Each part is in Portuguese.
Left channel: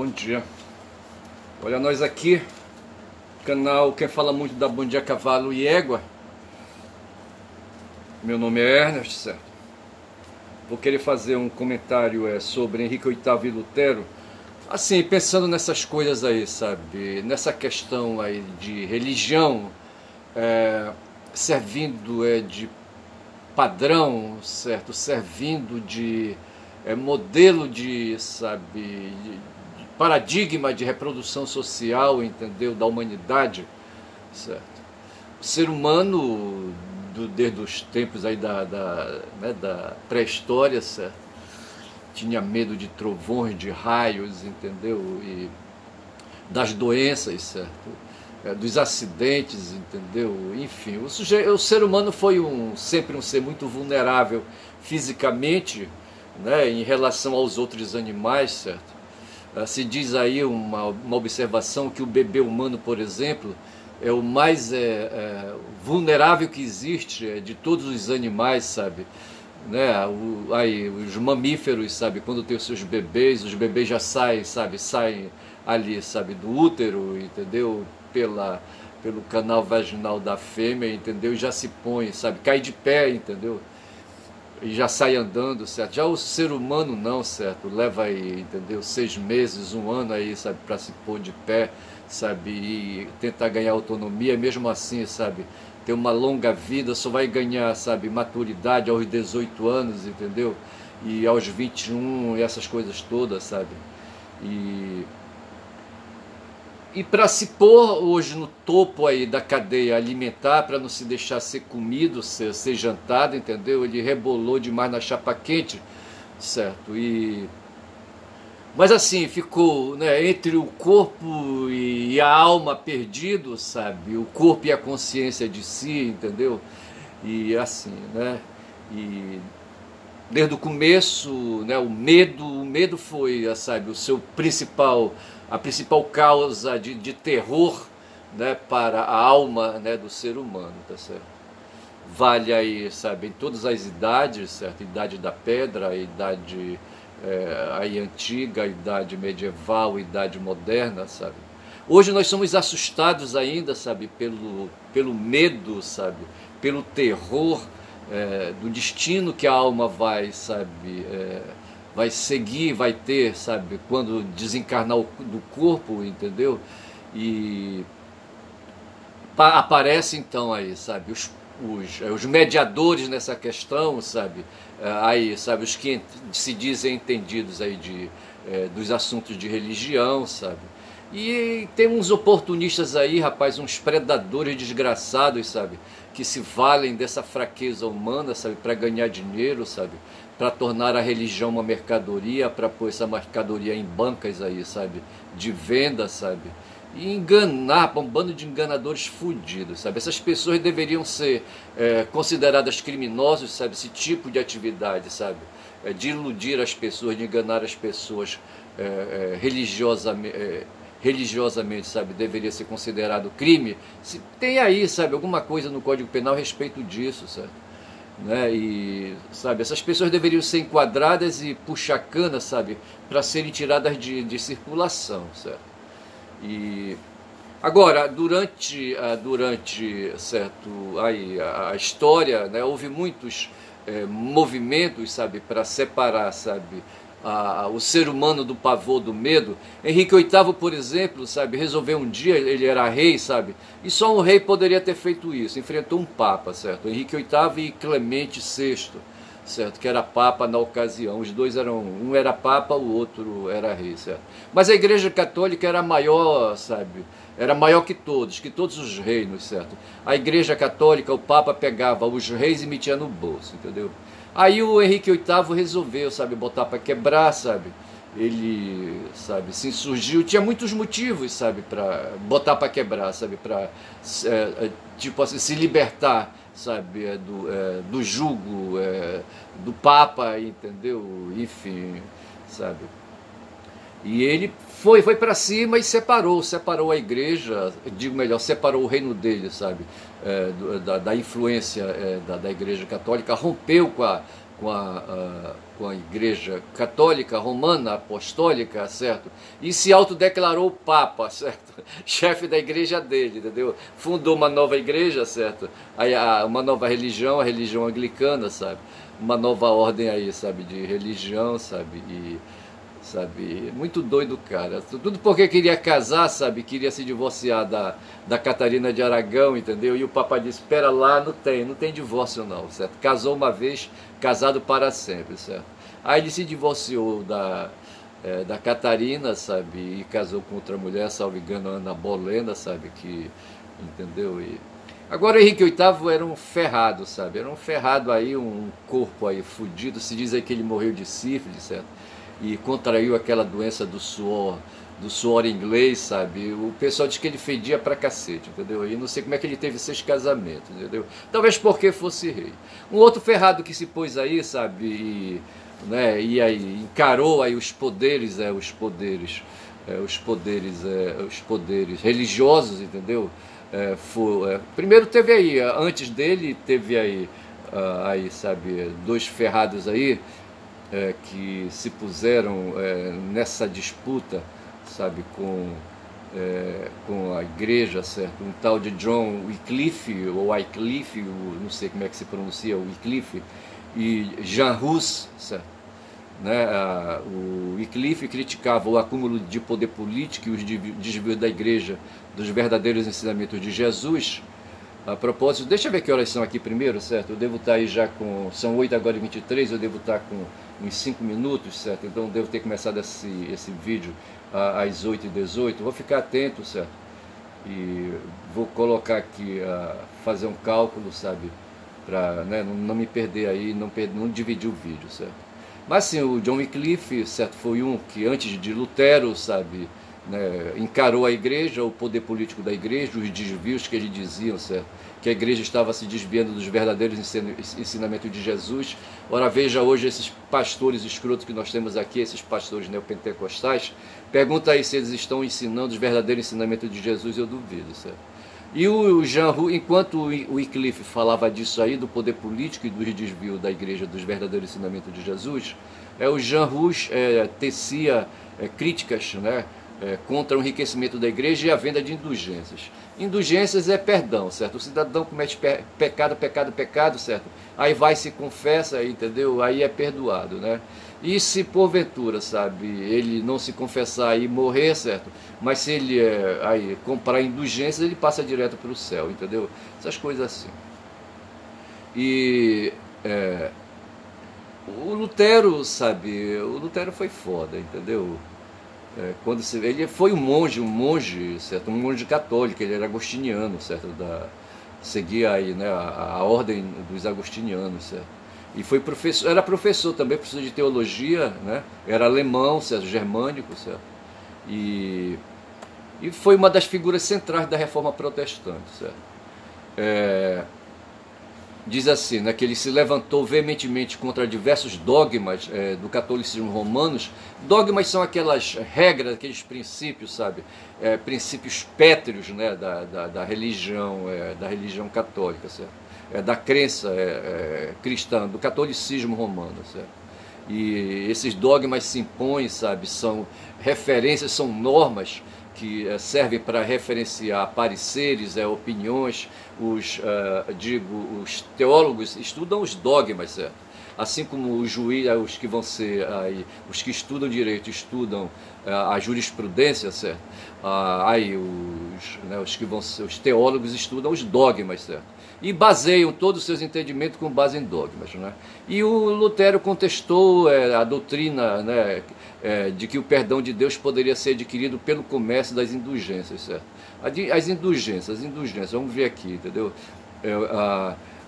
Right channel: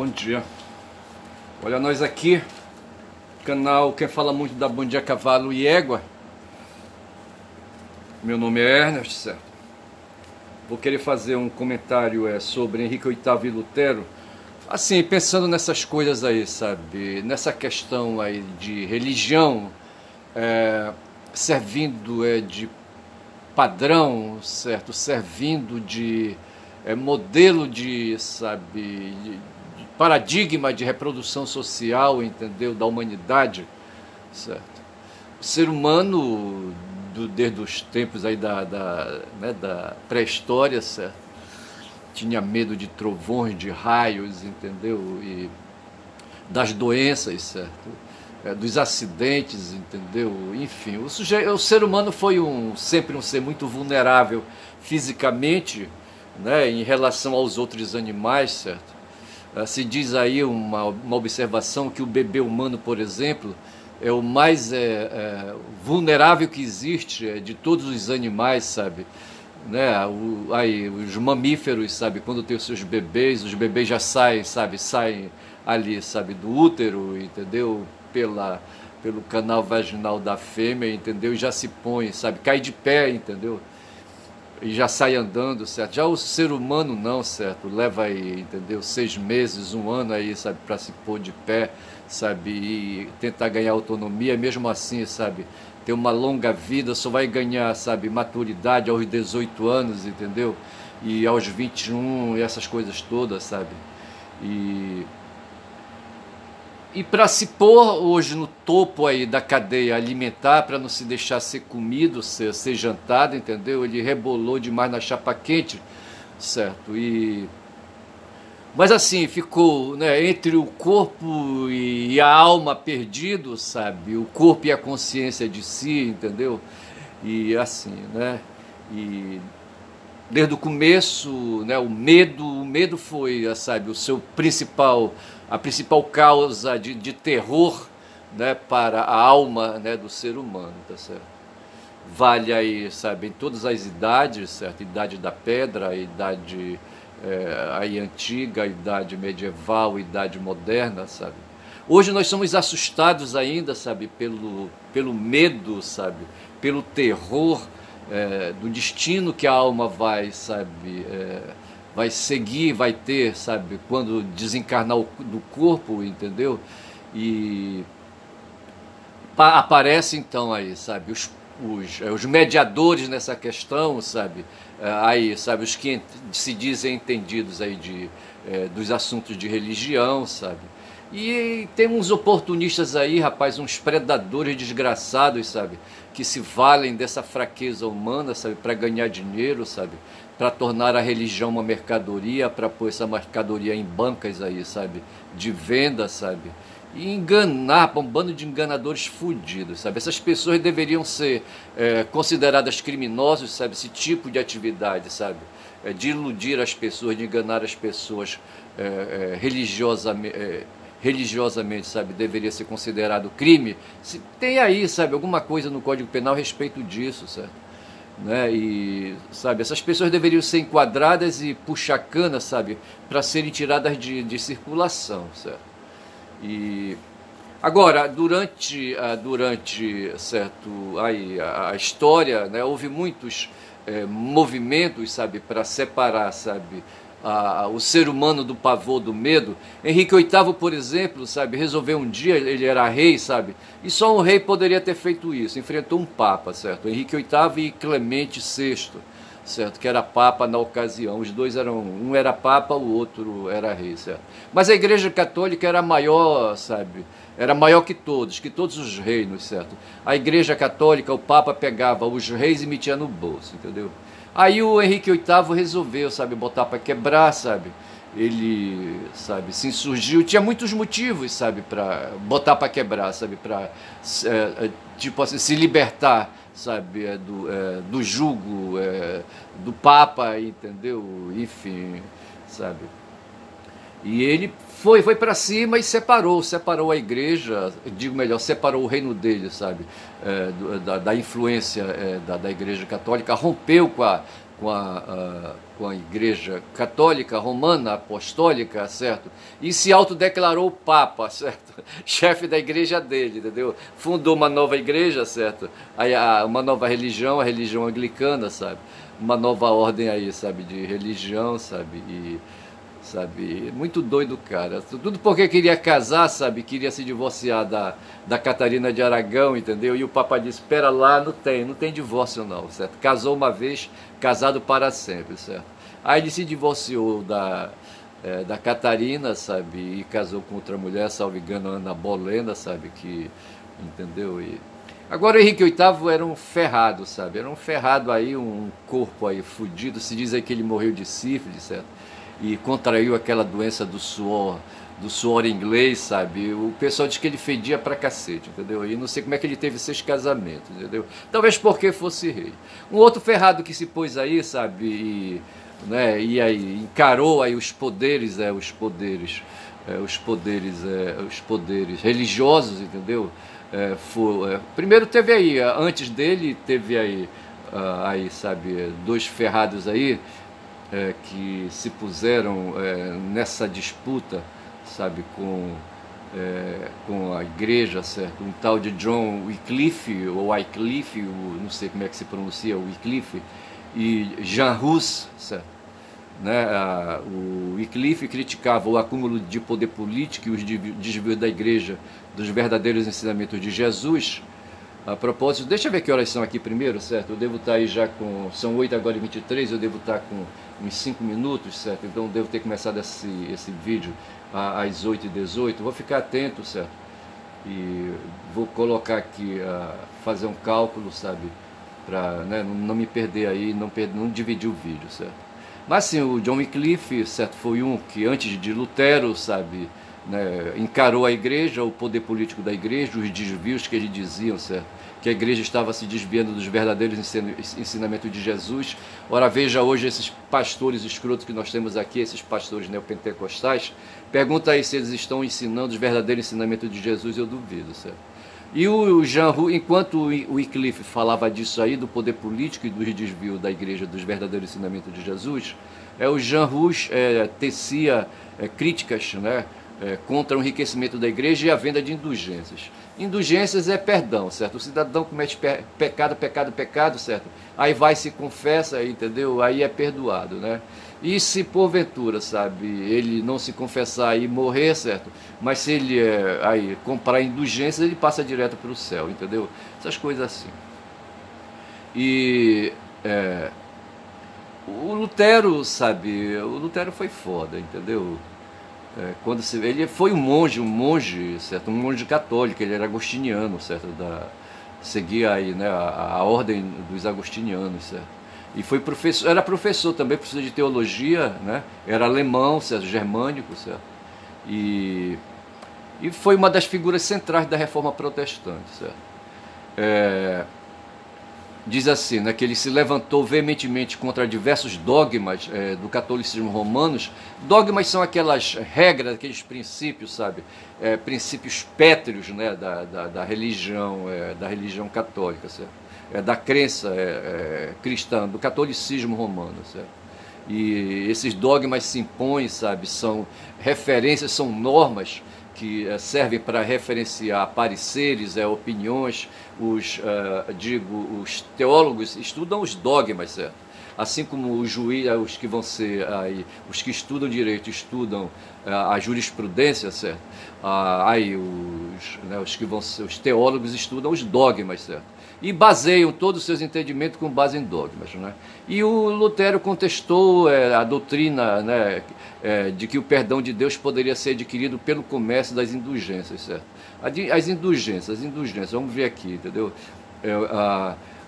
Bom dia. Olha nós aqui, canal Quem Fala Muito da Bom Dia Cavalo e Égua. Meu nome é Ernest, certo? Vou querer fazer um comentário sobre Henrique VIII e Lutero. Assim, pensando nessas coisas aí, sabe? Nessa questão aí de religião, servindo de padrão, certo? Servindo de modelo de, sabe, de paradigma de reprodução social, entendeu? Da humanidade, certo? O ser humano, desde os tempos aí da pré-história, certo? Tinha medo de trovões, de raios, entendeu? E das doenças, certo? Dos acidentes, entendeu? Enfim, o ser humano foi sempre um ser muito vulnerável fisicamente, né, em relação aos outros animais, certo? Se diz aí uma observação que o bebê humano, por exemplo, é o mais vulnerável que existe de todos os animais, sabe? Né? Aí, os mamíferos, sabe? Quando tem os seus bebês, os bebês já saem, sabe? Saem ali, sabe? Do útero, entendeu? Pelo canal vaginal da fêmea, entendeu? E já se põe, sabe? Cai de pé, entendeu? E já sai andando, certo? Já o ser humano não, certo? Leva aí, entendeu? 6 meses, 1 ano aí, sabe? Para se pôr de pé, sabe? E tentar ganhar autonomia, mesmo assim, sabe? Ter uma longa vida, só vai ganhar, sabe? Maturidade aos 18 anos, entendeu? E aos 21, essas coisas todas, sabe? E para se pôr hoje no topo aí da cadeia alimentar, para não se deixar ser comido, ser jantado, entendeu? Ele rebolou demais na chapa quente, certo? Mas assim, ficou, né, entre o corpo e a alma perdido, sabe? O corpo e a consciência de si, entendeu? E assim, né? E desde o começo, né, o medo foi, sabe, a principal causa de terror, né, para a alma, né, do ser humano, tá certo? Vale aí, sabe, em todas as idades, certo? Idade da pedra, a idade aí antiga, a idade medieval, a idade moderna, sabe? Hoje nós somos assustados ainda, sabe, pelo medo, sabe, pelo terror, do destino que a alma vai, sabe, vai seguir, vai ter, sabe, quando desencarnar do corpo, entendeu? E aparece então aí, sabe, os mediadores nessa questão, sabe, aí, sabe, os que se dizem entendidos aí dos assuntos de religião, sabe. E tem uns oportunistas aí, rapaz, uns predadores desgraçados, sabe, que se valem dessa fraqueza humana, sabe, para ganhar dinheiro, sabe, para tornar a religião uma mercadoria, para pôr essa mercadoria em bancas aí, sabe, de venda, sabe, e enganar, um bando de enganadores fudidos, sabe. Essas pessoas deveriam ser consideradas criminosos, sabe, esse tipo de atividade, sabe, de iludir as pessoas, de enganar as pessoas religiosamente, sabe, deveria ser considerado crime. Se tem aí, sabe, alguma coisa no Código Penal a respeito disso, certo? Né? E, sabe, essas pessoas deveriam ser enquadradas e puxar cana, sabe, para serem tiradas de circulação, certo? E agora, durante certo, aí, a história, né, houve muitos movimentos, sabe, para separar, sabe, o ser humano do pavor, do medo. Henrique VIII, por exemplo, sabe, resolveu um dia, ele era rei, sabe, e só um rei poderia ter feito isso, enfrentou um papa, certo, Henrique VIII e Clemente VI, certo, que era papa na ocasião. Os dois um era papa, o outro era rei, certo. Mas a Igreja Católica era maior, sabe, era maior que todos os reinos, certo. A Igreja Católica, o papa pegava os reis e metia no bolso, entendeu? Aí o Henrique VIII resolveu, sabe, botar para quebrar, sabe. Ele, sabe, se insurgiu, tinha muitos motivos, sabe, para botar para quebrar, sabe, para tipo assim, se libertar, sabe, do jugo do Papa, entendeu? Enfim, sabe. E ele foi para cima e separou a igreja, digo melhor, separou o reino dele, sabe, da influência da Igreja Católica, rompeu com a Igreja Católica, Romana, Apostólica, certo? E se autodeclarou Papa, certo? Chefe da igreja dele, entendeu? Fundou uma nova igreja, certo? Aí, uma nova religião, a religião anglicana, sabe? Uma nova ordem aí, sabe? De religião, sabe? Sabe, muito doido, cara. Tudo porque queria casar, sabe? Queria se divorciar da Catarina de Aragão, entendeu? E o Papa disse, espera lá, não tem divórcio não, certo? Casou uma vez, casado para sempre, certo? Aí ele se divorciou da Catarina, sabe? E casou com outra mulher, salvo engano, Ana Bolena, sabe? Entendeu? Agora Henrique VIII era um ferrado, sabe? Era um ferrado aí, um corpo aí fudido. Se diz aí que ele morreu de sífilis, certo? E contraiu aquela doença do suor inglês, sabe? O pessoal diz que ele fedia pra cacete, entendeu? E não sei como é que ele teve 6 casamentos, entendeu? Talvez porque fosse rei. Um outro ferrado que se pôs aí, sabe? E aí encarou aí os poderes religiosos, entendeu? Primeiro teve aí, antes dele, teve aí, sabe, 2 ferrados aí, que se puseram nessa disputa, sabe, com a igreja, certo? Um tal de John Wycliffe, ou Wycliffe, não sei como é que se pronuncia, Wycliffe, e Jean Hus, certo? Né? O Wycliffe criticava o acúmulo de poder político e os desvios da igreja dos verdadeiros ensinamentos de Jesus. A propósito, deixa eu ver que horas são aqui primeiro, certo? Eu devo estar aí já com... São 8h23, eu devo estar com uns 5 minutos, certo? Então eu devo ter começado esse vídeo às 8h18. Vou ficar atento, certo? E vou colocar aqui, fazer um cálculo, sabe? Para, né, não me perder aí, não dividir o vídeo, certo? Mas sim, o John Wycliffe, certo? Foi um que antes de Lutero, sabe? Né, encarou a igreja, o poder político da igreja, os desvios que eles diziam, certo? Que a igreja estava se desviando dos verdadeiros ensinamentos de Jesus. Ora, veja hoje esses pastores escrotos que nós temos aqui, esses pastores neopentecostais, pergunta aí se eles estão ensinando os verdadeiros ensinamentos de Jesus, eu duvido, certo? E o Jean Hus, enquanto o Wycliffe falava disso aí, do poder político e dos desvios da igreja dos verdadeiros ensinamentos de Jesus, o Jean Hus tecia críticas, né, contra o enriquecimento da igreja e a venda de indulgências. Indulgências é perdão, certo? O cidadão comete pecado, certo? Aí vai, se confessa, entendeu? Aí é perdoado, né? E se porventura, sabe, ele não se confessar e morrer, certo? Mas se ele aí comprar indulgências, ele passa direto para o céu, entendeu? Essas coisas assim. E o Lutero, sabe, o Lutero foi foda, entendeu? Ele foi um monge, certo? Um monge católico, ele era agostiniano, certo? Seguia aí, né, a ordem dos agostinianos, certo? E foi professor, era professor também, professor de teologia, né? Era alemão, certo? Germânico, certo? E foi uma das figuras centrais da reforma protestante, certo? Diz assim, né, que ele se levantou veementemente contra diversos dogmas do catolicismo romanos. Dogmas são aquelas regras, aqueles princípios, sabe? Princípios pétreos, né, da religião católica, certo? Da crença cristã, do catolicismo romano, certo? E esses dogmas se impõem, sabe? São referências, são normas que servem para referenciar pareceres, opiniões. Os teólogos estudam os dogmas, certo? Assim como os juízes, os que vão ser aí, os que estudam direito, estudam a jurisprudência, certo? Os que vão ser os teólogos estudam os dogmas, certo? E baseiam todos os seus entendimentos com base em dogmas, né? E o Lutero contestou a doutrina, né, de que o perdão de Deus poderia ser adquirido pelo comércio das indulgências, certo? As indulgências, vamos ver aqui, entendeu?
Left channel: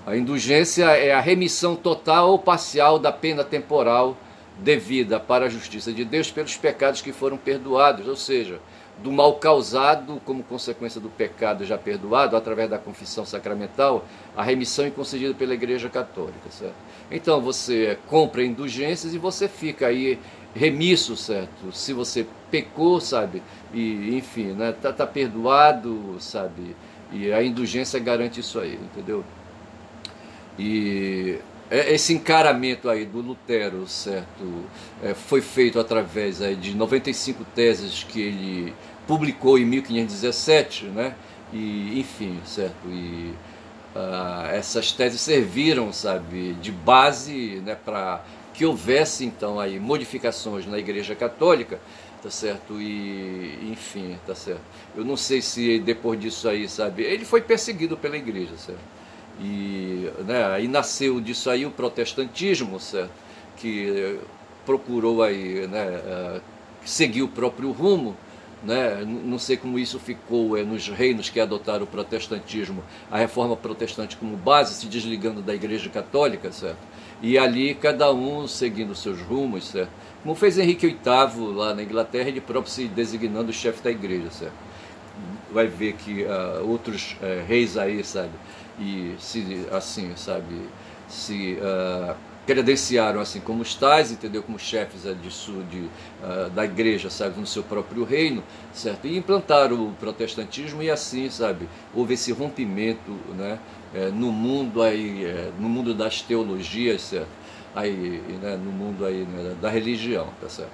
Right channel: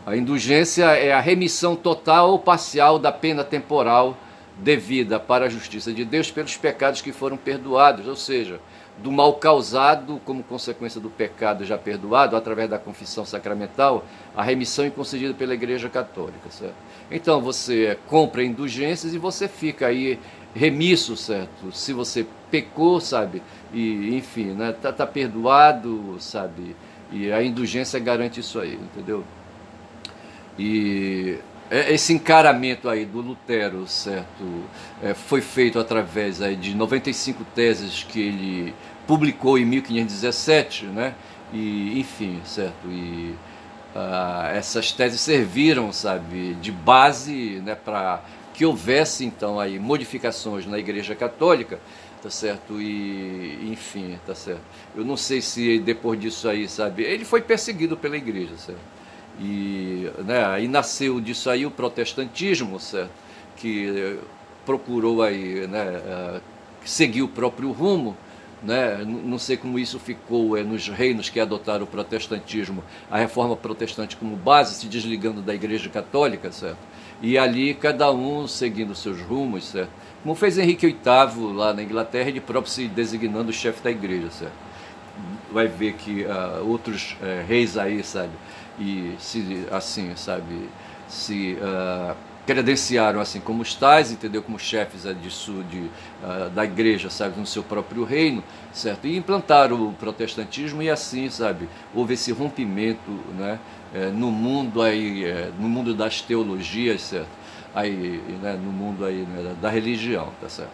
A indulgência é a remissão total ou parcial da pena temporal devida para a justiça de Deus pelos pecados que foram perdoados, ou seja, do mal causado como consequência do pecado já perdoado, através da confissão sacramental, a remissão é concedida pela Igreja Católica, certo? Então você compra indulgências e você fica aí remisso, certo? Se você pecou, sabe? E, enfim, né? Tá perdoado, sabe? E a indulgência garante isso aí, entendeu? E esse encaramento aí do Lutero, certo, foi feito através aí de 95 teses que ele publicou em 1517, né? E, enfim, certo, e essas teses serviram, sabe, de base, né, para que houvesse então aí modificações na Igreja Católica, tá certo, e enfim, tá certo. Eu não sei se depois disso aí, sabe, ele foi perseguido pela Igreja, certo. E, né, aí nasceu disso aí o protestantismo, certo, que procurou aí, né, seguir o próprio rumo, né? Não sei como isso ficou nos reinos que adotaram o protestantismo, a reforma protestante como base, se desligando da Igreja Católica, certo? E ali cada um seguindo seus rumos, certo? Como fez Henrique VIII lá na Inglaterra, ele próprio se designando o chefe da Igreja, certo? Vai ver que outros reis aí, sabe, e se assim, sabe, se credenciaram assim como os tais, entendeu, como chefes da igreja, sabe, no seu próprio reino, certo, e implantaram o protestantismo, e assim, sabe, houve esse rompimento, né, no mundo aí, no mundo das teologias, certo, aí, né, no mundo aí, né, da religião, tá certo.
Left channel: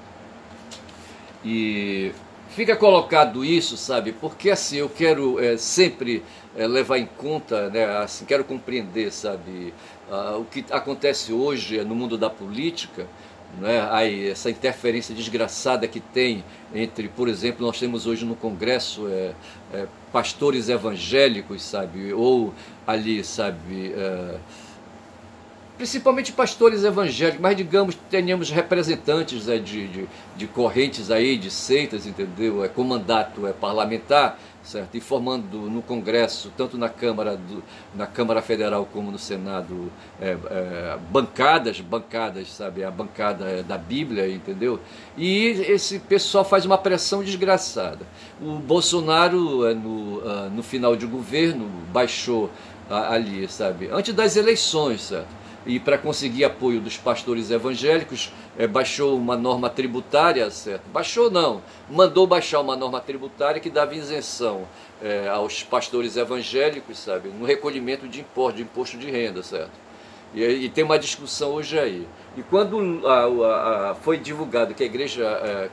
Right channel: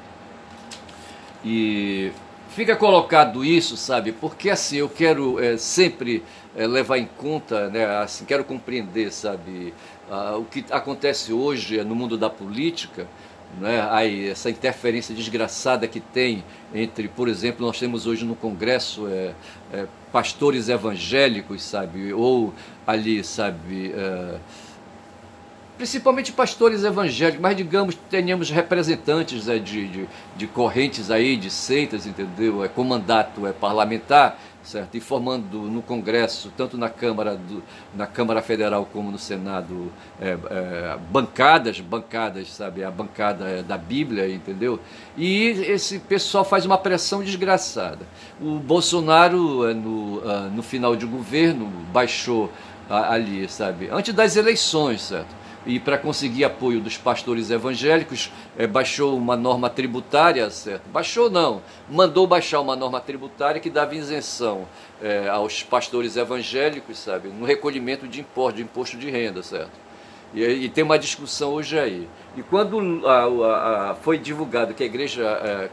E fica colocado isso, sabe, porque assim eu quero sempre levar em conta, né, assim, quero compreender, sabe, o que acontece hoje no mundo da política, né, aí, essa interferência desgraçada que tem entre, por exemplo, nós temos hoje no Congresso pastores evangélicos, sabe, ou ali, sabe, principalmente pastores evangélicos, mas digamos que tenhamos representantes de correntes aí, de seitas, entendeu? Com mandato parlamentar, certo? E formando no Congresso, tanto na Câmara Federal como no Senado, bancadas, sabe? A bancada da Bíblia, entendeu? E esse pessoal faz uma pressão desgraçada. O Bolsonaro, no final de governo, baixou ali, sabe? Antes das eleições, certo? E para conseguir apoio dos pastores evangélicos, baixou uma norma tributária, certo? Baixou não, mandou baixar uma norma tributária que dava isenção aos pastores evangélicos, sabe? No recolhimento de imposto de renda, certo? E tem uma discussão hoje aí. E quando foi divulgado que a igreja,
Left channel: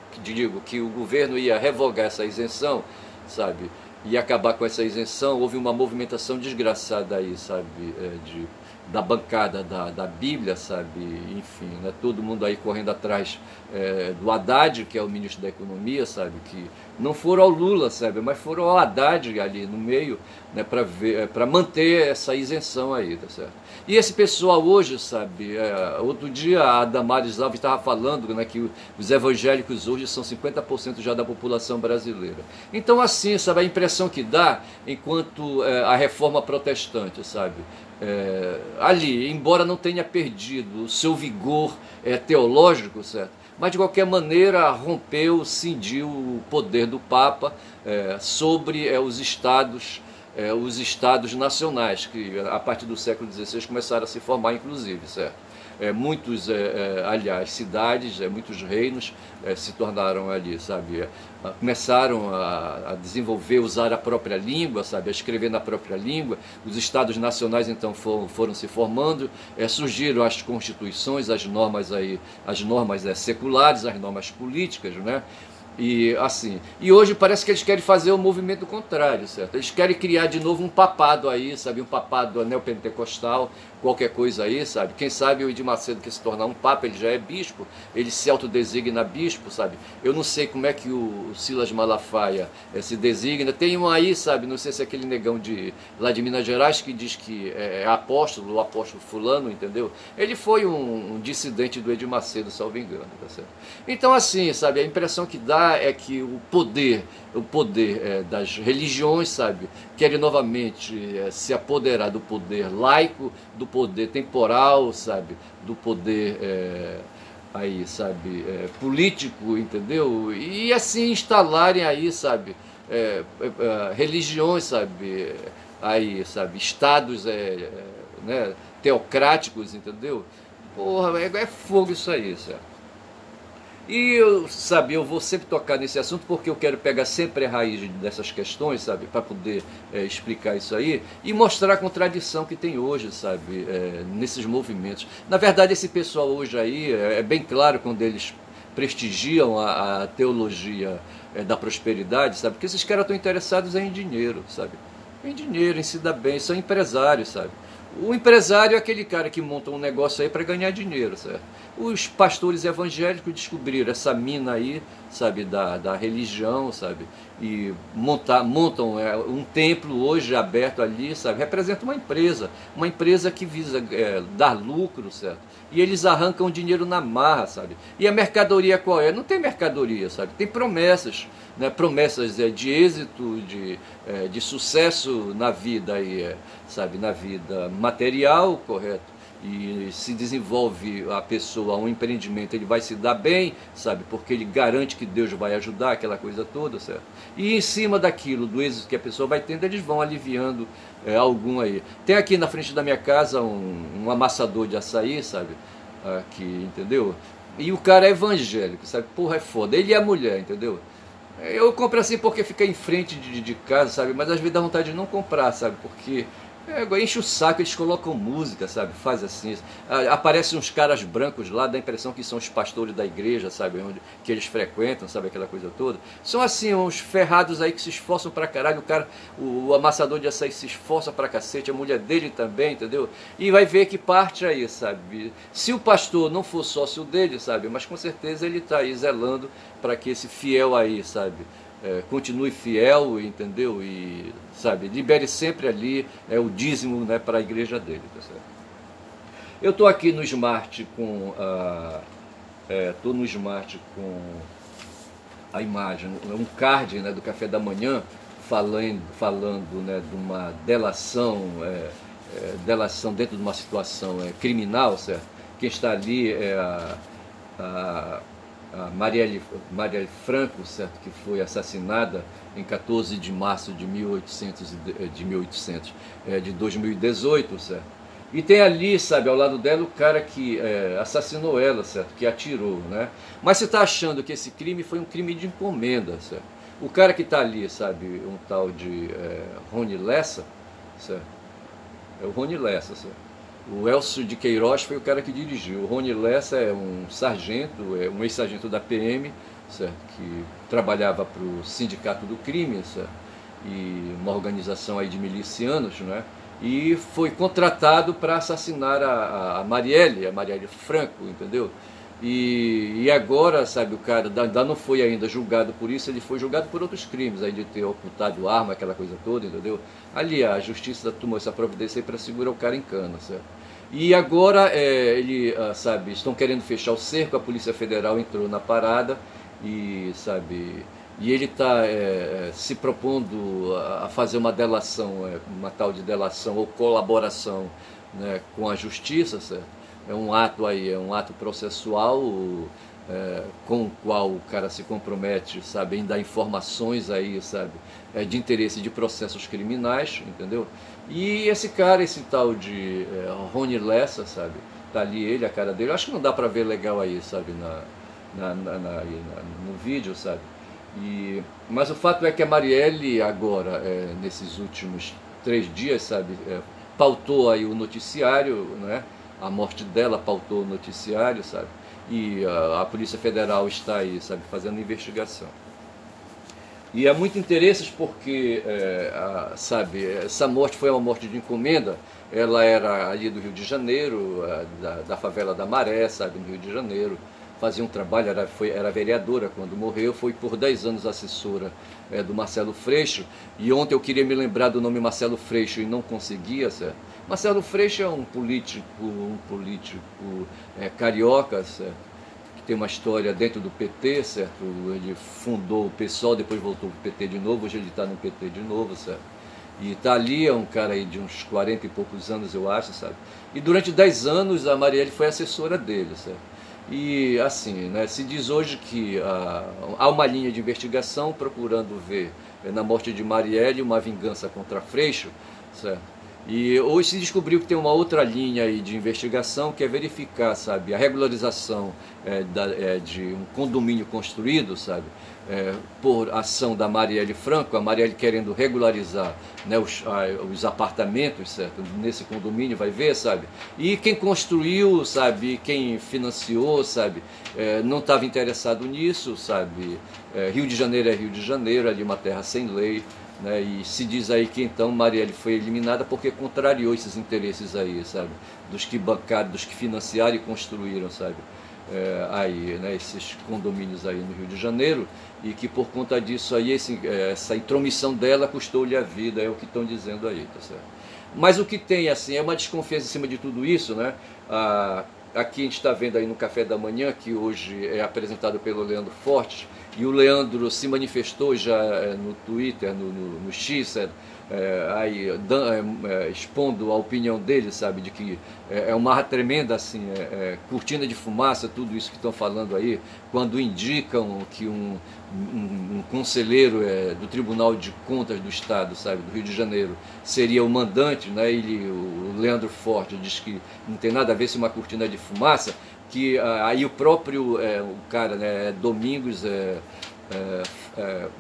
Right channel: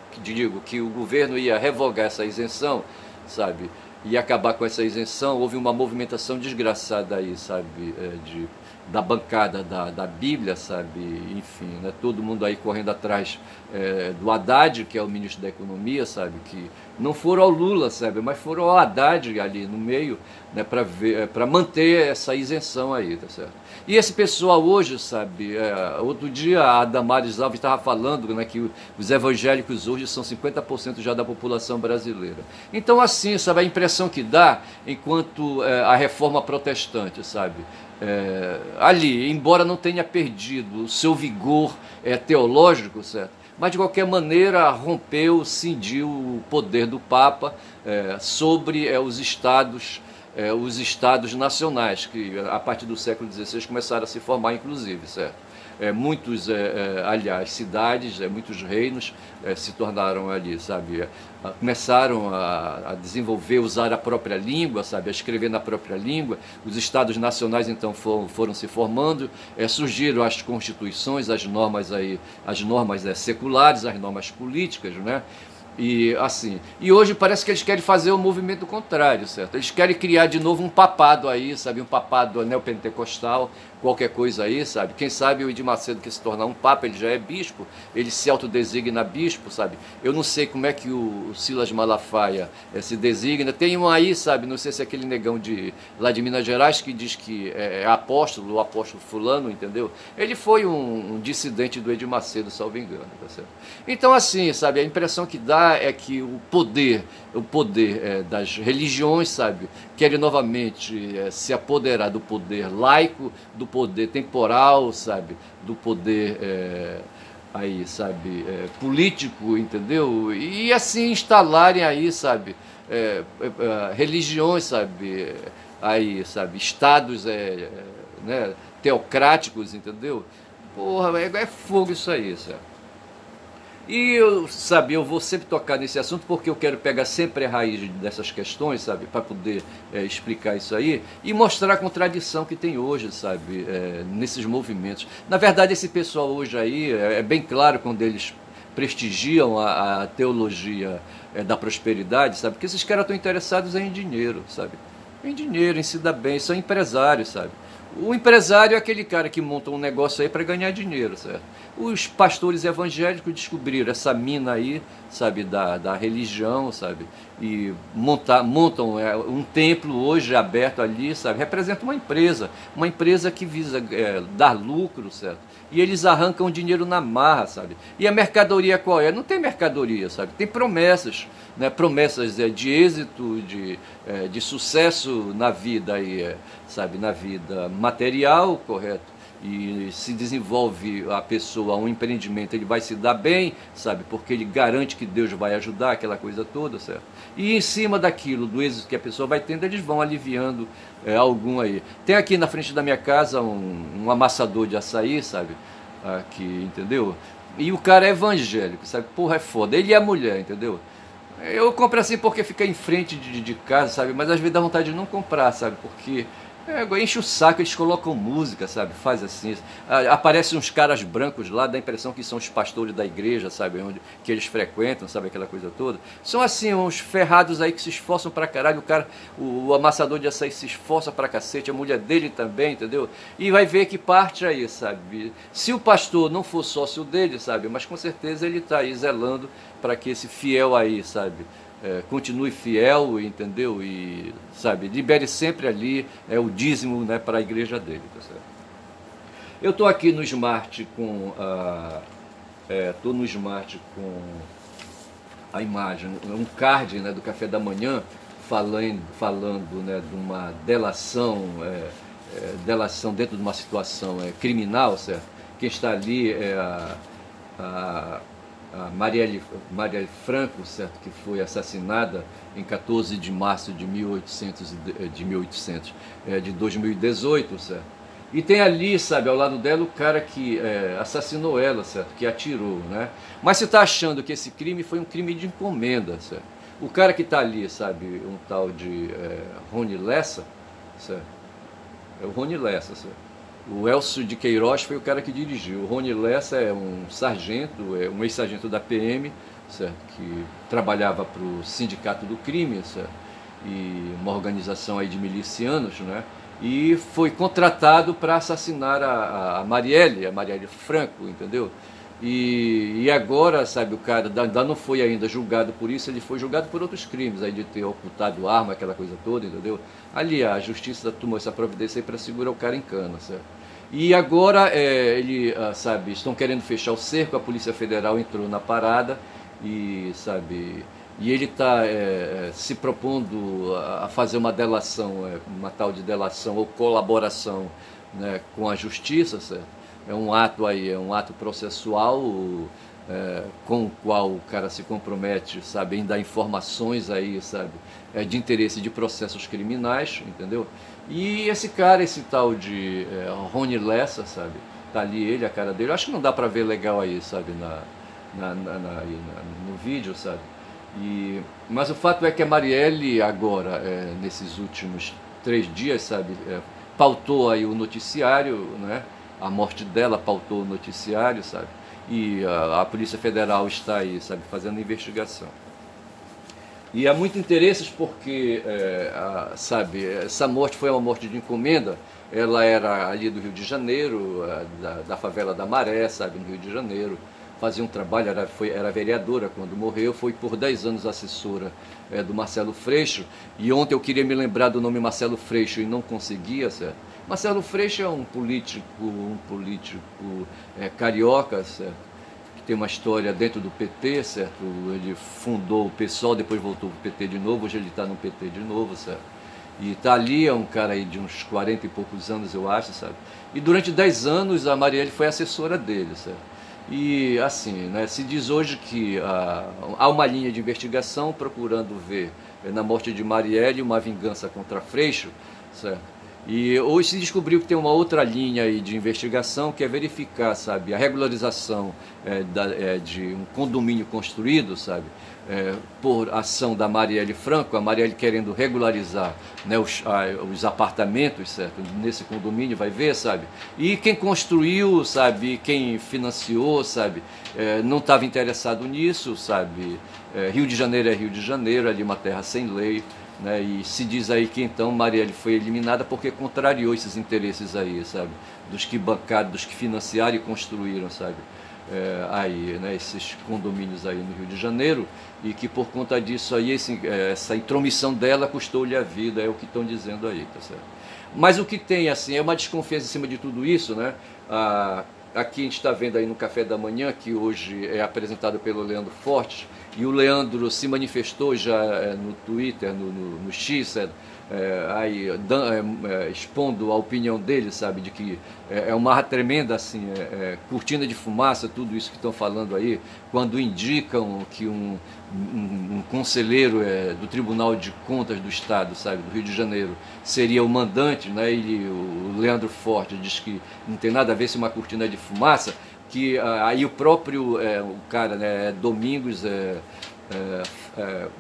que o governo ia revogar essa isenção, sabe? E acabar com essa isenção, houve uma movimentação desgraçada aí, sabe? Da bancada da Bíblia, sabe, enfim, né, todo mundo aí correndo atrás do Haddad, que é o ministro da Economia, sabe, que não foram ao Lula, sabe, mas foram ao Haddad ali no meio, né, para manter essa isenção aí, tá certo? E esse pessoal hoje, sabe, outro dia a Damares Alves estava falando, né, que os evangélicos hoje são 50% já da população brasileira. Então, assim, sabe, a impressão que dá, enquanto a reforma protestante, sabe, ali, embora não tenha perdido o seu vigor teológico, certo? Mas de qualquer maneira rompeu, cindiu o poder do Papa sobre os estados nacionais, que a partir do século XVI começaram a se formar, inclusive, certo? Muitos, aliás, cidades, muitos reinos se tornaram ali, sabe, começaram a desenvolver, usar a própria língua, sabe, a escrever na própria língua. Os estados nacionais então foram se formando, surgiram as constituições, as normas seculares, as normas políticas, né? E assim, e hoje parece que eles querem fazer o movimento contrário, certo? Eles querem criar de novo um papado aí, sabe, um papado neopentecostal, qualquer coisa aí, sabe? Quem sabe o Edir Macedo, que se tornar um papa, ele já é bispo, ele se autodesigna bispo, sabe? Eu não sei como é que o Silas Malafaia se designa. Tem um aí, sabe, não sei se é aquele negão lá de Minas Gerais que diz que é apóstolo, o apóstolo fulano, entendeu? Ele foi um dissidente do Edir Macedo, salvo engano, tá certo? Então assim, sabe, a impressão que dá é que o poder das religiões, sabe, querem novamente se apoderar do poder laico, do poder temporal, sabe, do poder aí, sabe, político, entendeu? E assim instalarem aí, sabe, religiões, sabe, aí, sabe, estados né, teocráticos, entendeu? Porra, é fogo isso aí, sabe? E eu, sabe, eu vou sempre tocar nesse assunto porque eu quero pegar sempre a raiz dessas questões, sabe, para poder explicar isso aí e mostrar a contradição que tem hoje, sabe, nesses movimentos. Na verdade, esse pessoal hoje aí é bem claro quando eles prestigiam a teologia da prosperidade, sabe, porque esses caras estão interessados em dinheiro, sabe, em dinheiro, em se dar bem, são empresários, sabe. O empresário é aquele cara que monta um negócio aí para ganhar dinheiro, certo? Os pastores evangélicos descobriram essa mina aí, sabe, da religião, sabe? E montam um templo hoje aberto ali, sabe? Representa uma empresa que visa dar lucro, certo? E eles arrancam dinheiro na marra, sabe? E a mercadoria qual é? Não tem mercadoria, sabe? Tem promessas, né? Promessas de êxito, de sucesso na vida aí, sabe? Na vida material, correto? E se desenvolve a pessoa, um empreendimento, ele vai se dar bem, sabe? Porque ele garante que Deus vai ajudar, aquela coisa toda, certo? E em cima daquilo, do êxito que a pessoa vai tendo, eles vão aliviando algum aí. Tem aqui na frente da minha casa um amassador de açaí, sabe? Aqui, entendeu? E o cara é evangélico, sabe? Porra, é foda. Ele e a mulher, entendeu? Eu compro assim porque fica em frente de casa, sabe? Mas às vezes dá vontade de não comprar, sabe? Porque enche o saco, eles colocam música, sabe? Faz assim. Aparecem uns caras brancos lá, dá a impressão que são os pastores da igreja, sabe? Que eles frequentam, sabe? Aquela coisa toda. São assim, uns ferrados aí que se esforçam pra caralho. O amassador de açaí se esforça pra cacete, a mulher dele também, entendeu? E vai ver que parte aí, sabe? Se o pastor não for sócio dele, sabe? Mas com certeza ele tá aí zelando para que esse fiel aí, sabe? Continue fiel, entendeu? E, sabe, libere sempre ali o dízimo, né, para a igreja dele, tá certo? Eu estou aqui no Smart com a imagem, um card, né, do café da manhã, falando né, de uma delação, delação dentro de uma situação criminal, certo? Quem está ali é a Marielle Franco, certo, que foi assassinada em 14 de março de 2018, certo? E tem ali, sabe, ao lado dela o cara que assassinou ela, certo, que atirou, né? Mas você está achando que esse crime foi um crime de encomenda, certo? O cara que está ali, sabe, um tal de Rony Lessa, certo? É o Rony Lessa, certo? O Elcio de Queiroz foi o cara que dirigiu. O Rony Lessa é um sargento, um ex-sargento da PM, certo? Que trabalhava para o Sindicato do Crime, certo? E uma organização aí de milicianos, né? E foi contratado para assassinar a Marielle Franco, entendeu? E agora, sabe, o cara ainda não foi ainda julgado por isso, ele foi julgado por outros crimes, aí de ter ocultado arma, aquela coisa toda, entendeu? Ali a justiça tomou essa providência aí para segurar o cara em cana, certo? E agora, sabe, estão querendo fechar o cerco, a Polícia Federal entrou na parada e, sabe, e ele está se propondo a fazer uma delação, uma tal de delação ou colaboração, né, com a justiça, certo? É um ato processual com o qual o cara se compromete, sabe, em dar informações aí, sabe, de interesse de processos criminais, entendeu? E esse cara, esse tal de Rony Lessa, sabe, tá ali ele, a cara dele, eu acho que não dá para ver legal aí, sabe, no vídeo, sabe? Mas o fato é que a Marielle agora, nesses últimos 3 dias, sabe, pautou aí o noticiário, né? A morte dela pautou o noticiário, sabe? E a Polícia Federal está aí, sabe, fazendo investigação. E há muito interesses porque, sabe, essa morte foi uma morte de encomenda. Ela era ali do Rio de Janeiro, da favela da Maré, sabe, no Rio de Janeiro. Fazia um trabalho, era vereadora quando morreu, foi por 10 anos assessora do Marcelo Freixo. E ontem eu queria me lembrar do nome Marcelo Freixo e não conseguia, certo? Marcelo Freixo é um político carioca, certo? Que tem uma história dentro do PT, certo? Ele fundou o PSOL, depois voltou para o PT de novo, hoje ele está no PT de novo, certo? E está ali, é um cara aí de uns 40 e poucos anos, eu acho, sabe? E durante 10 anos a Marielle foi assessora dele, certo? E assim, né, se diz hoje que há uma linha de investigação procurando ver na morte de Marielle uma vingança contra Freixo, certo? E hoje se descobriu que tem uma outra linha aí de investigação que é verificar, sabe, a regularização de um condomínio construído, sabe, por ação da Marielle Franco, a Marielle querendo regularizar, né, os apartamentos, certo, nesse condomínio, vai ver, sabe, e quem construiu, sabe, quem financiou, sabe, não estava interessado nisso, sabe, Rio de Janeiro é Rio de Janeiro, ali uma terra sem lei, né, e se diz aí que então Marielle foi eliminada porque contrariou esses interesses aí, sabe, dos que bancaram, dos que financiaram e construíram, sabe, aí, né, esses condomínios aí no Rio de Janeiro, e que por conta disso aí, essa intromissão dela custou-lhe a vida, é o que estão dizendo aí, tá certo? Mas o que tem, assim, é uma desconfiança em cima de tudo isso, né? Aqui a gente está vendo aí no Café da Manhã, que hoje é apresentado pelo Leandro Fortes, e o Leandro se manifestou já no Twitter, no X, aí, expondo a opinião dele, sabe, de que é uma tremenda assim, cortina de fumaça, tudo isso que estão falando aí, quando indicam que um conselheiro do Tribunal de Contas do Estado, sabe, do Rio de Janeiro, seria o mandante, né? O Leandro Forte diz que não tem nada a ver se uma cortina de fumaça, que aí o próprio o cara, né, Domingos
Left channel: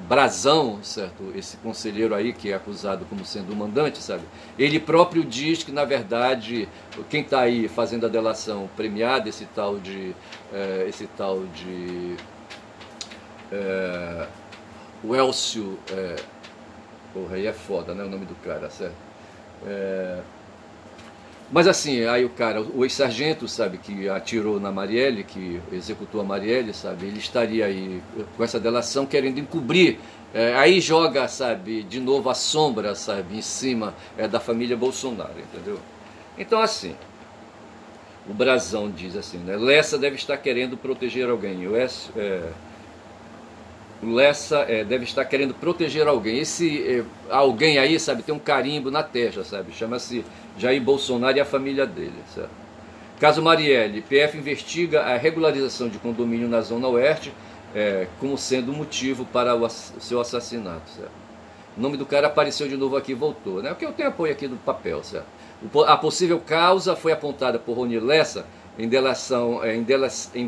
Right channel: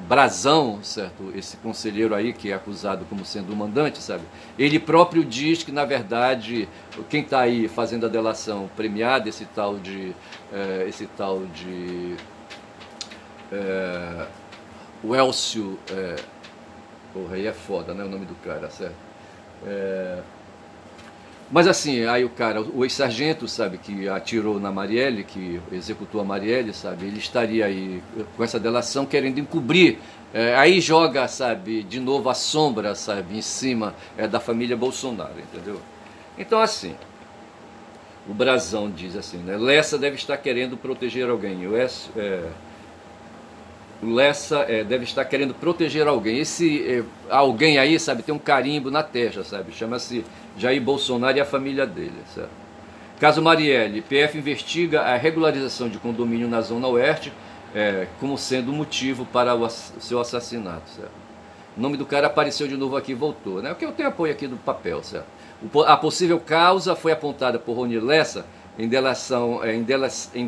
Brazão, certo? Esse conselheiro aí que é acusado como sendo o mandante, sabe? Ele próprio diz que na verdade quem está aí fazendo a delação premiada, esse tal de o Elcio, porra, aí é foda, né, o nome do cara, certo? Mas assim, aí o ex-sargento, sabe, que atirou na Marielle, que executou a Marielle, sabe, ele estaria aí com essa delação querendo encobrir, aí joga, sabe, de novo a sombra, sabe, em cima da família Bolsonaro, entendeu? Então assim, o Brazão diz assim, né, Lessa deve estar querendo proteger alguém, o Lessa deve estar querendo proteger alguém. Esse alguém aí, sabe, tem um carimbo na testa, sabe? Chama-se Jair Bolsonaro e a família dele, certo? Caso Marielle, PF investiga a regularização de condomínio na Zona Oeste como sendo motivo para o seu assassinato, certo? O nome do cara apareceu de novo aqui e voltou, né? Porque eu tenho apoio aqui do papel, certo? A possível causa foi apontada por Rony Lessa em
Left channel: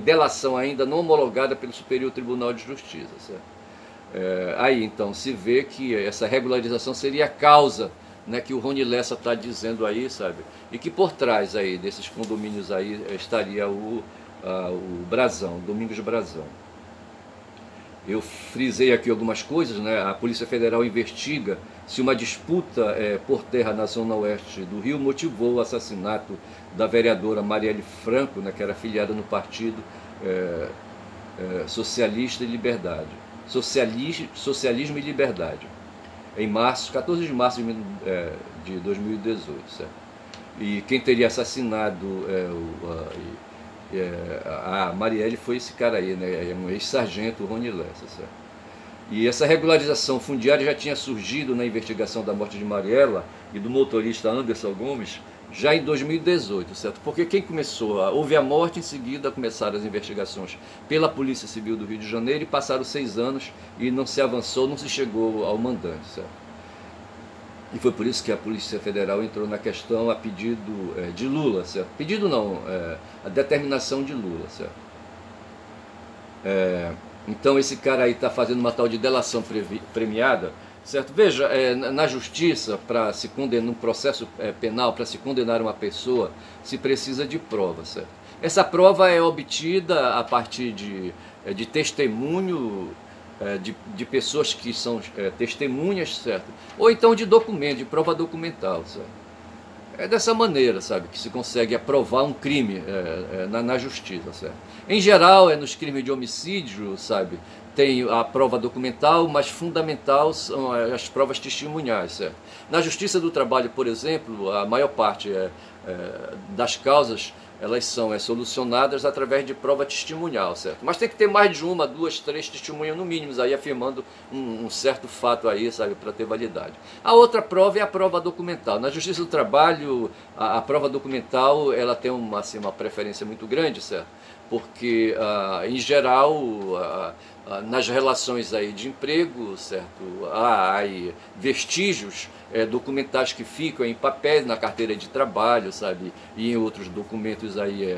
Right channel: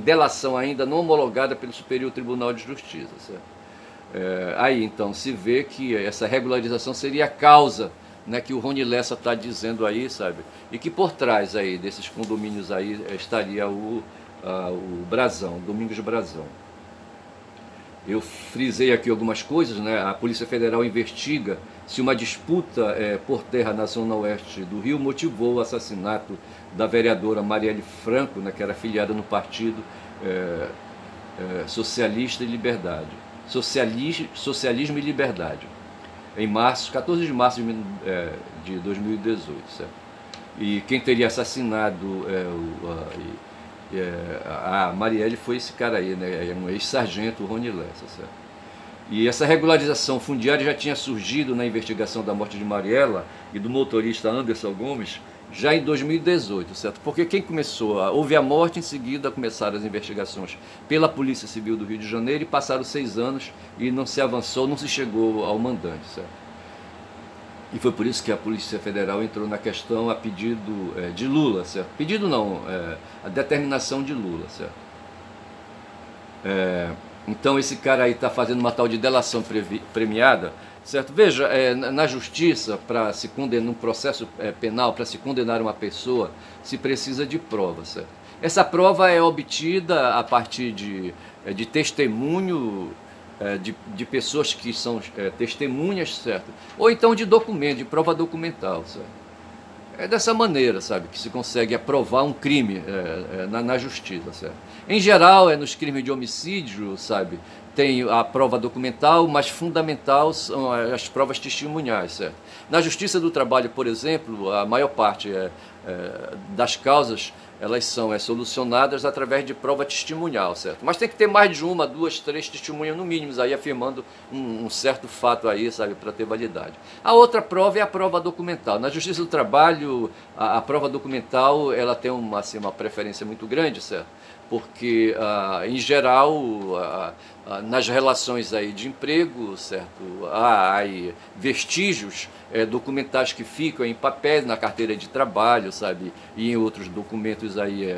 delação ainda não homologada pelo Superior Tribunal de Justiça, certo? Aí então se vê que essa regularização seria a causa, né, que o Rony Lessa está dizendo aí, sabe? E que por trás aí desses condomínios aí estaria o Brazão, Domingos Brazão. Eu frisei aqui algumas coisas, né? A Polícia Federal investiga se uma disputa por terra na Zona Oeste do Rio motivou o assassinato da vereadora Marielle Franco, né, que era afiliada no Partido Socialista e Liberdade. Socialismo e Liberdade, em 14 de março de 2018. Certo? E quem teria assassinado a Marielle foi esse cara aí, né, um ex-sargento, o Rony Lessa. Certo? E essa regularização fundiária já tinha surgido na investigação da morte de Marielle e do motorista Anderson Gomes já em 2018, certo? Porque quem houve a morte, em seguida começaram as investigações pela Polícia Civil do Rio de Janeiro e passaram 6 anos e não se avançou, não se chegou ao mandante, certo? E foi por isso que a Polícia Federal entrou na questão a pedido de Lula, certo? Pedido não, a determinação de Lula, certo? Então esse cara aí está fazendo uma tal de delação premiada, certo? Veja, na justiça, para se condenar, num processo penal, para se condenar uma pessoa, se precisa de prova, certo? Essa prova é obtida a partir de testemunho de pessoas que são testemunhas, certo? Ou então de documento, de prova documental, certo? É dessa maneira, sabe, que se consegue aprovar um crime na justiça, certo? Em geral, nos crimes de homicídio, sabe, tem a prova documental, mas fundamental são as provas testemunhais, certo? Na Justiça do Trabalho, por exemplo, a maior parte das causas, elas são solucionadas através de prova testemunhal, certo? Mas tem que ter mais de 1, 2, 3 testemunhas no mínimo, aí afirmando um certo fato aí, sabe, para ter validade. A outra prova é a prova documental. Na Justiça do Trabalho, a prova documental, ela tem uma preferência muito grande, certo? Porque, em geral, nas relações aí de emprego, certo? Há aí vestígios documentais que ficam em papel na carteira de trabalho, sabe? E em outros documentos aí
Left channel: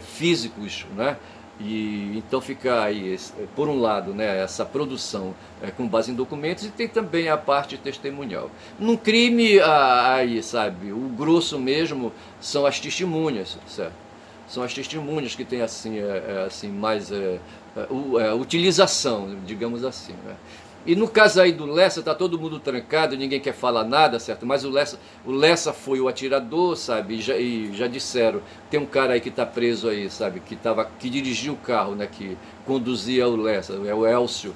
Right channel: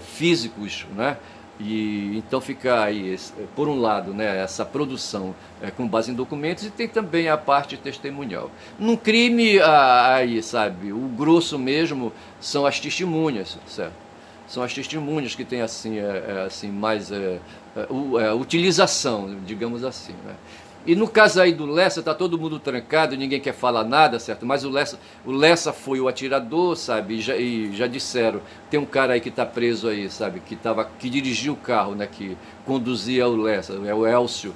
físicos, né? E então fica aí, por um lado, né, essa produção com base em documentos, e tem também a parte testemunhal. Num crime, aí, sabe, o grosso mesmo são as testemunhas, certo? São as testemunhas que têm assim, assim mais utilização, digamos assim, né? E no caso aí do Lessa, tá todo mundo trancado, ninguém quer falar nada, certo? Mas o Lessa foi o atirador, sabe? E já disseram, tem um cara aí que está preso aí, sabe? Que dirigiu o carro, né? Que conduzia o Lessa, é o Elcio.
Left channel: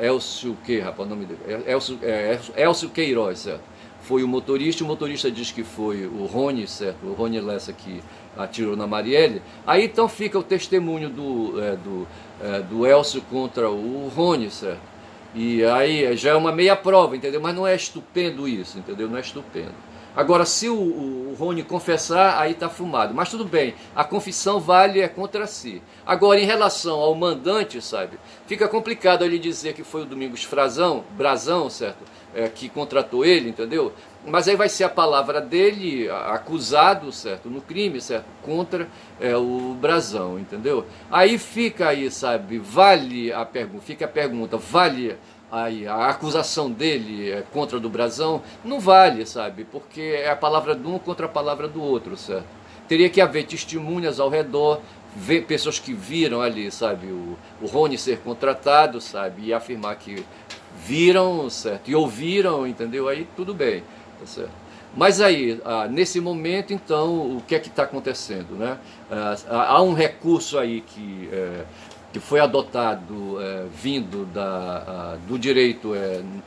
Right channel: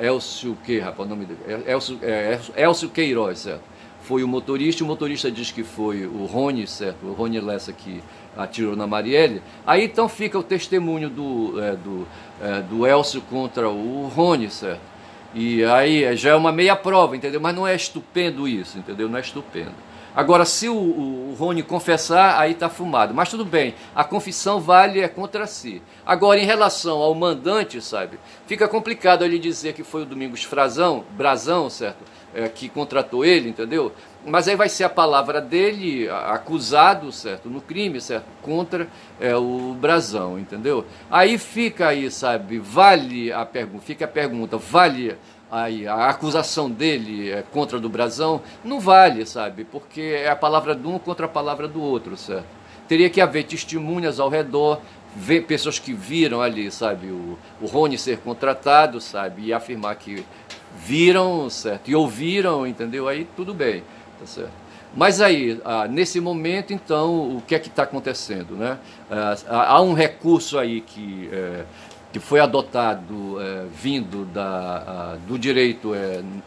Elcio o quê, rapaz? O nome dele? Elcio Queiroz, certo? Foi o motorista diz que foi o Rony, certo? O Rony Lessa que atirou na Marielle. Aí então fica o testemunho do Elcio contra o Rony, certo? E aí já é uma meia prova, entendeu? Mas não é estupendo isso, entendeu? Não é estupendo. Agora, se o Rony confessar, aí está fumado. Mas tudo bem, a confissão vale contra si. Agora, em relação ao mandante, sabe? Fica complicado ele dizer que foi o Domingos Brazão, certo? Que contratou ele, entendeu? Mas aí vai ser a palavra dele, acusado, certo? No crime, certo? Contra o Brazão, entendeu? Aí fica aí, sabe? Vale a pergunta, fica a pergunta, vale aí a acusação dele contra a do Brazão? Não vale, sabe? Porque é a palavra de um contra a palavra do outro, certo? Teria que haver testemunhas ao redor, ver pessoas que viram ali, sabe, o Rony ser contratado, sabe, e afirmar que viram, certo, e ouviram, entendeu? Aí tudo bem, tá certo? Mas aí, nesse momento, então, o que é que está acontecendo, né? Há um recurso aí que foi adotado vindo do direito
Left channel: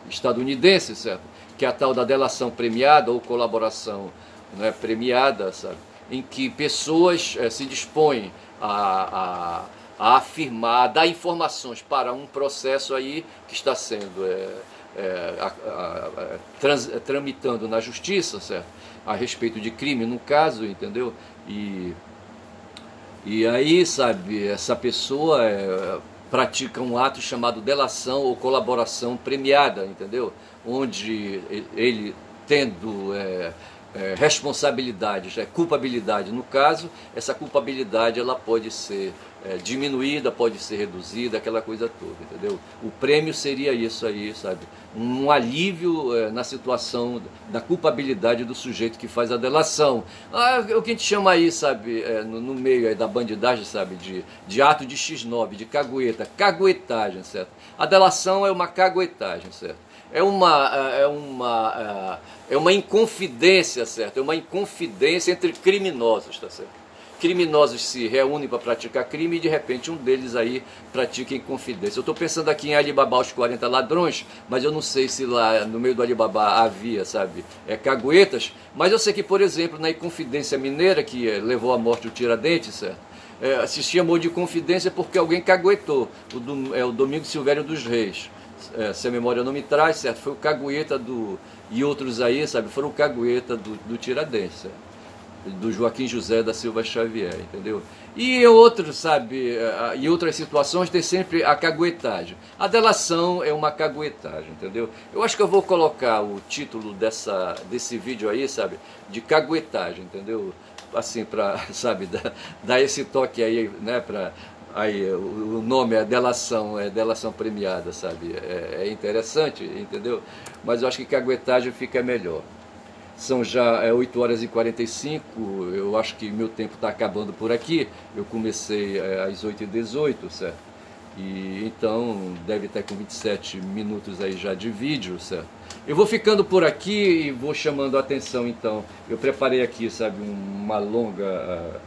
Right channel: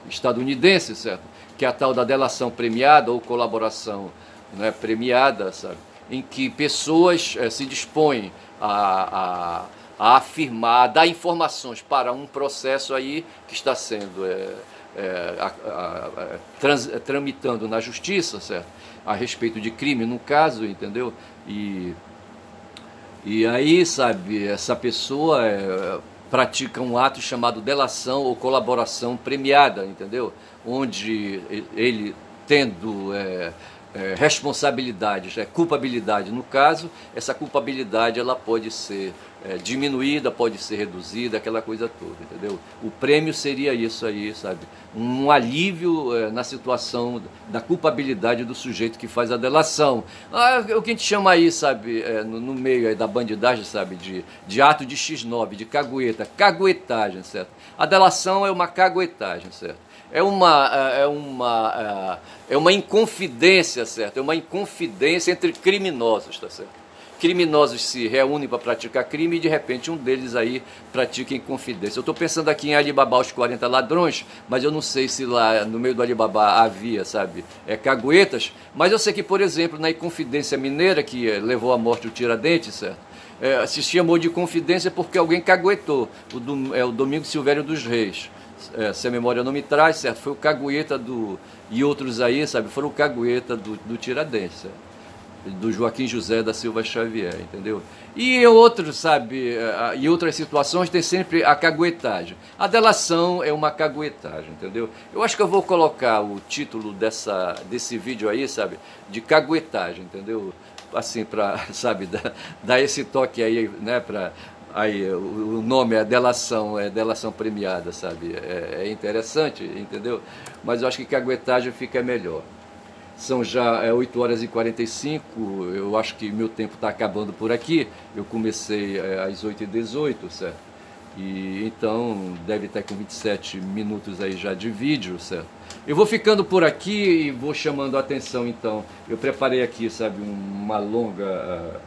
estadunidense, certo? Que é a tal da delação premiada ou colaboração, né, premiada, sabe? Em que pessoas se dispõem a afirmar, a dar informações para um processo aí que está sendo tramitando na justiça, certo? A respeito de crime, no caso, entendeu? E aí, sabe, essa pessoa pratica um ato chamado delação ou colaboração premiada, entendeu? Onde ele tendo responsabilidades, culpabilidade no caso, essa culpabilidade ela pode ser diminuída, pode ser reduzida, aquela coisa toda, entendeu? O prêmio seria isso aí, sabe? Um alívio na situação da culpabilidade do sujeito que faz a delação. O que a gente chama aí, sabe, no meio aí da bandidagem, sabe, de ato de X9, de caguetagem, certo? A delação é uma caguetagem, certo? É uma inconfidência, certo? É uma inconfidência entre criminosos, tá certo? Criminosos se reúnem para praticar crime e de repente um deles aí pratica inconfidência. Eu estou pensando aqui em Alibaba os 40 ladrões, mas eu não sei se lá no meio do Alibaba havia, sabe, caguetas, mas eu sei que, por exemplo, na Inconfidência Mineira, que levou à morte o Tiradentes, certo? Se chamou de Inconfidência porque alguém caguetou, o Domingos Silvério dos Reis. Se a memória não me traz, certo? Foi o cagueta e outros aí, sabe? Foram o cagueta do Tiradentes, certo? Do Joaquim José da Silva Xavier, entendeu? E outros, sabe, em outras situações tem sempre a caguetagem. A delação é uma caguetagem, entendeu? Eu acho que eu vou colocar o título desse vídeo aí, sabe, de caguetagem, entendeu? Assim, para, sabe, dar esse toque aí, né, para... Aí, o nome é delação premiada, sabe? É interessante, entendeu? Mas eu acho que caguetagem fica melhor. São já 8 horas e 45, eu acho que meu tempo está acabando por aqui. Eu comecei às 8h18, certo? E então deve estar com 27 minutos aí já de vídeo, certo? Eu vou ficando por aqui e vou chamando a atenção, então. Eu preparei aqui, sabe, uma longa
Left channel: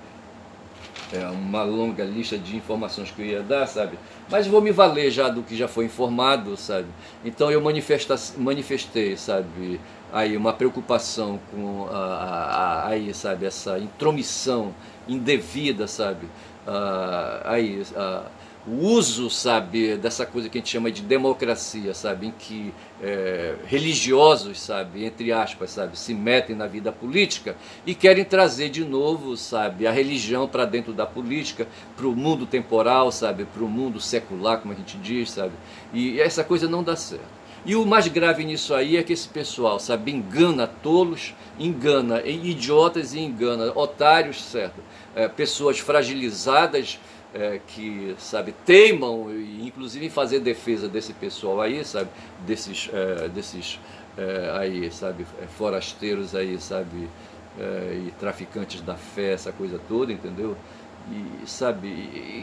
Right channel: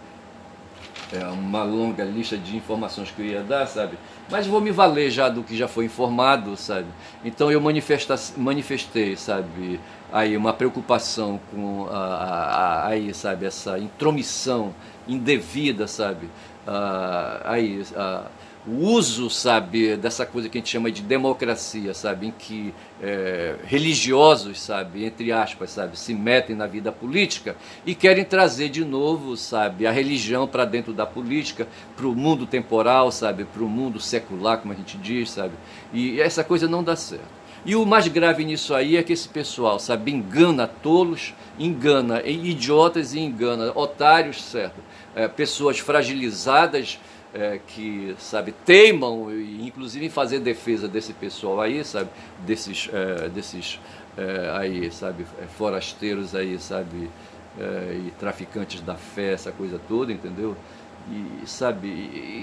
lista de informações que eu ia dar, sabe? Mas vou me valer já do que já foi informado, sabe? Então eu manifestei, sabe, aí uma preocupação com aí, sabe, essa intromissão indevida, sabe? o uso, sabe, dessa coisa que a gente chama de democracia, sabe, em que religiosos, sabe, entre aspas, sabe, se metem na vida política e querem trazer de novo, sabe, a religião para dentro da política, para o mundo temporal, sabe, para o mundo secular, como a gente diz, sabe, e essa coisa não dá certo. E o mais grave nisso aí é que esse pessoal, sabe, engana tolos, engana idiotas e engana otários, certo? Pessoas fragilizadas, que, sabe, teimam, inclusive em fazer defesa desse pessoal aí, sabe, desses aí, sabe, forasteiros aí, sabe, e traficantes da fé, essa coisa toda, entendeu? E, sabe,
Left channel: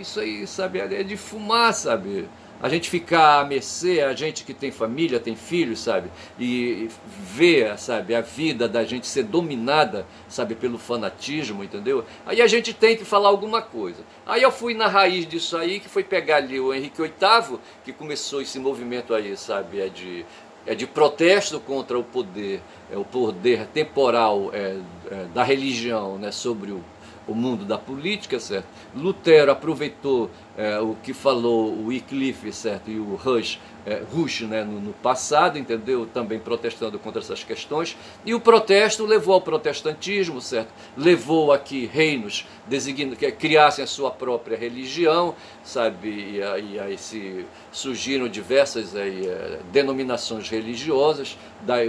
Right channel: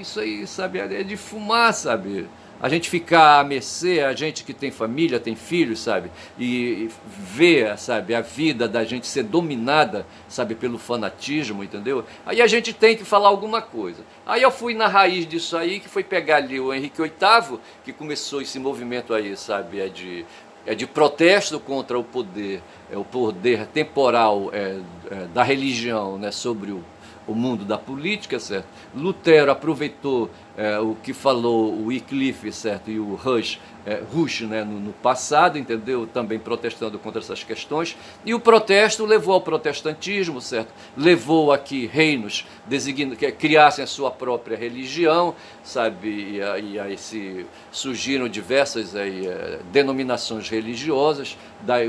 isso aí, sabe, é de fumar, sabe? A gente ficar à mercê, a gente que tem família, tem filhos, sabe, e ver, sabe, a vida da gente ser dominada, sabe, pelo fanatismo, entendeu? Aí a gente tem que falar alguma coisa. Aí eu fui na raiz disso aí, que foi pegar ali o Henrique VIII, que começou esse movimento aí, sabe, é de protesto contra o poder temporal da religião, né, sobre o mundo da política, certo? Lutero aproveitou o que falou o Wycliffe, certo? E o Rush, né? no passado, entendeu? Também protestando contra essas questões. E o protesto levou ao protestantismo, certo? Levou a que reinos que criassem a sua própria religião, sabe? E aí surgiram diversas denominações religiosas.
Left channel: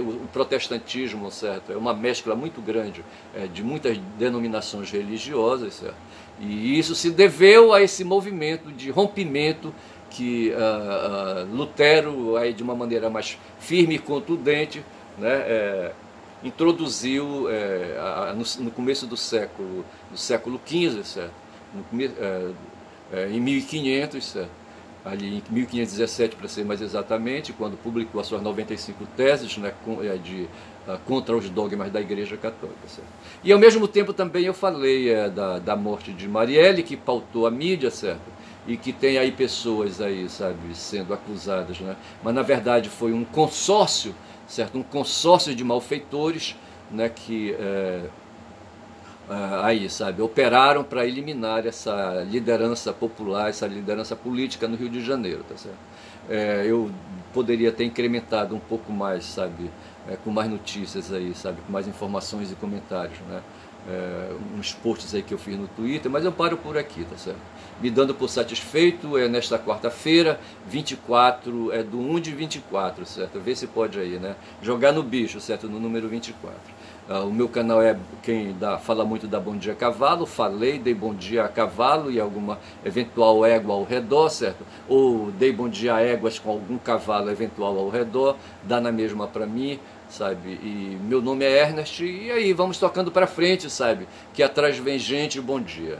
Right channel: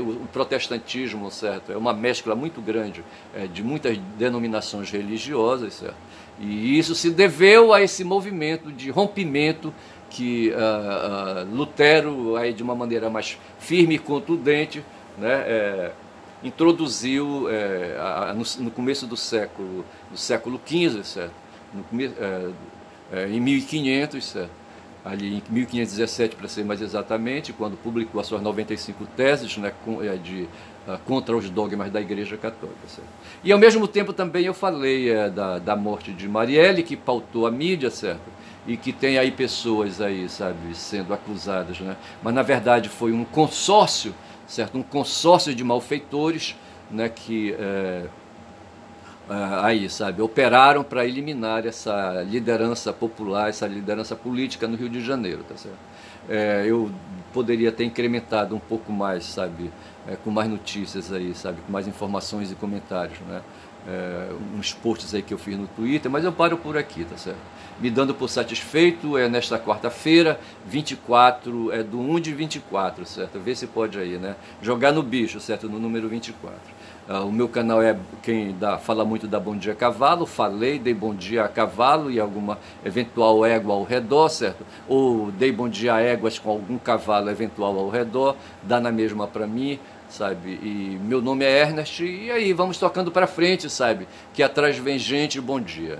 O protestantismo, certo? É uma mescla muito grande de muitas denominações religiosas, certo? E isso se deveu a esse movimento de rompimento que Lutero, aí, de uma maneira mais firme e contundente, né, introduziu no começo do século XV, certo? Em 1500, certo? Ali em 1517, para ser mais exatamente, quando publicou as suas 95 teses, né, contra os dogmas da Igreja Católica. Certo? E ao mesmo tempo também eu falei da morte de Marielle, que pautou a mídia, certo? E que tem aí pessoas aí, sabe, sendo acusadas, né? Mas na verdade foi um consórcio, certo? Um consórcio de malfeitores, né, que aí, sabe, operaram para eliminar essa liderança popular, essa liderança política no Rio de Janeiro, tá certo? Eu poderia ter incrementado um pouco mais, sabe, com mais notícias aí, sabe, com mais informações e comentários, né? Uns posts aí que eu fiz no Twitter, mas eu paro por aqui, tá certo? Me dando por satisfeito, nesta quarta-feira, 24, do 1 de 24, certo? Vê se pode aí, né? Jogar no bicho, certo? No número 24. O meu canal fala muito da Bom Dia Cavalo, dei bom dia a cavalo e alguma eventual égua ao redor, certo? Ou dei bom dia a éguas com algum cavalo eventual ao redor, dá na mesma para mim, sabe? E meu nome é Ernest, e aí vamos tocando para frente, sabe? Que atrás vem gente, bom dia.